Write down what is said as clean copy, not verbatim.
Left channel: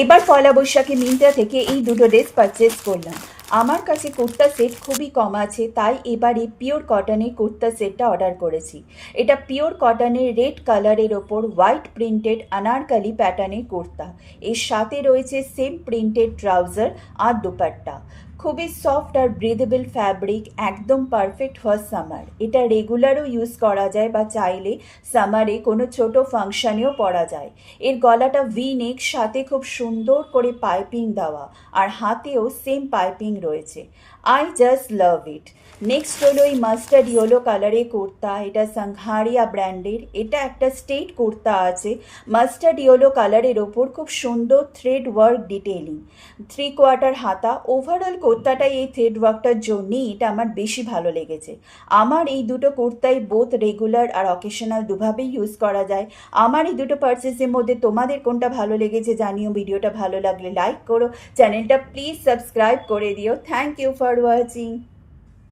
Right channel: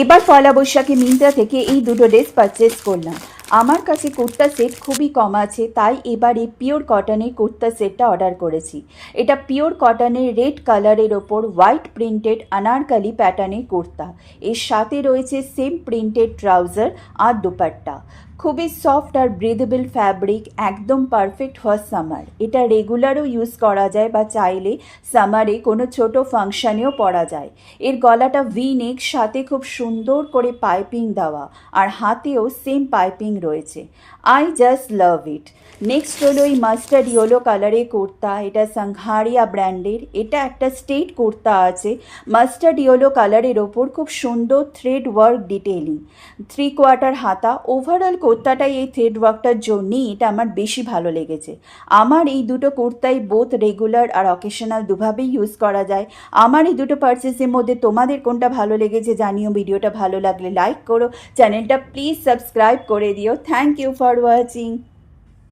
এবার পয়লা বৈশাখে মিন্ত্রা থেকে এই দুটো ড্রেস পারচেস করলাম। আমার কাছে কুর্তা সেট খুবই কম আছে, তাই এবারে পিওর কটনের কুর্তা সেটটা অর্ডার করেছি। এটা পিওর কটনের রেড কালারের ওপর হোয়াইট প্রিন্টেড আনারকালি প্যাটার্নের কুর্তা। এর সাথে রয়েছে সেম প্রিন্টেড ট্রাউজার আর দুপাট্টা। খুবই সফট আর ব্রিদেবল ফ্যাব্রিক, একদম পারফেক্ট ফর সামার। এটা রেগুলারও ইউজ করা যায় বা চাইলে সামারে কোনো ছোট ফাংশানেও পরা যায়। এর গলাটা ভি নেক, সাথে খুব সুন্দর করে পাইপিং দেওয়া আর হাতেও সেম পাইপিং রয়েছে। I just love it. Next হলো এই মাস্টার্ড ইয়েলো কালারের কুর্তা। এটা সংঘারিয়া ব্র্যান্ডের। এটা একটা স্টেট কুর্তা আছে মাস্টার্ড ইয়েলো কালারের ওপর, খুব সুন্দর থ্রেড ওয়ার্ক ডিটেইলিং, 3/4 হাতা। ওভারঅল কুর্তাটাই এই থ্রেড ওয়ার্কটার জন্যই এটা আমার বেশি ভালো লেগেছে। আমার এই দুটো কুর্তাই বোথ রেগুলার আর অকেশনাল দুভাবেই ইউজ করা যায়। আমার এই দুটো পার্চেসের মধ্যে তোমাদের কোনটা ভালো লেগেছে জানিও। ভিডিওটা ভালো লাগলে লাইক করো, চ্যানেলটা প্লিজ সাবস্ক্রাইব করে দিও। Thank you for watching.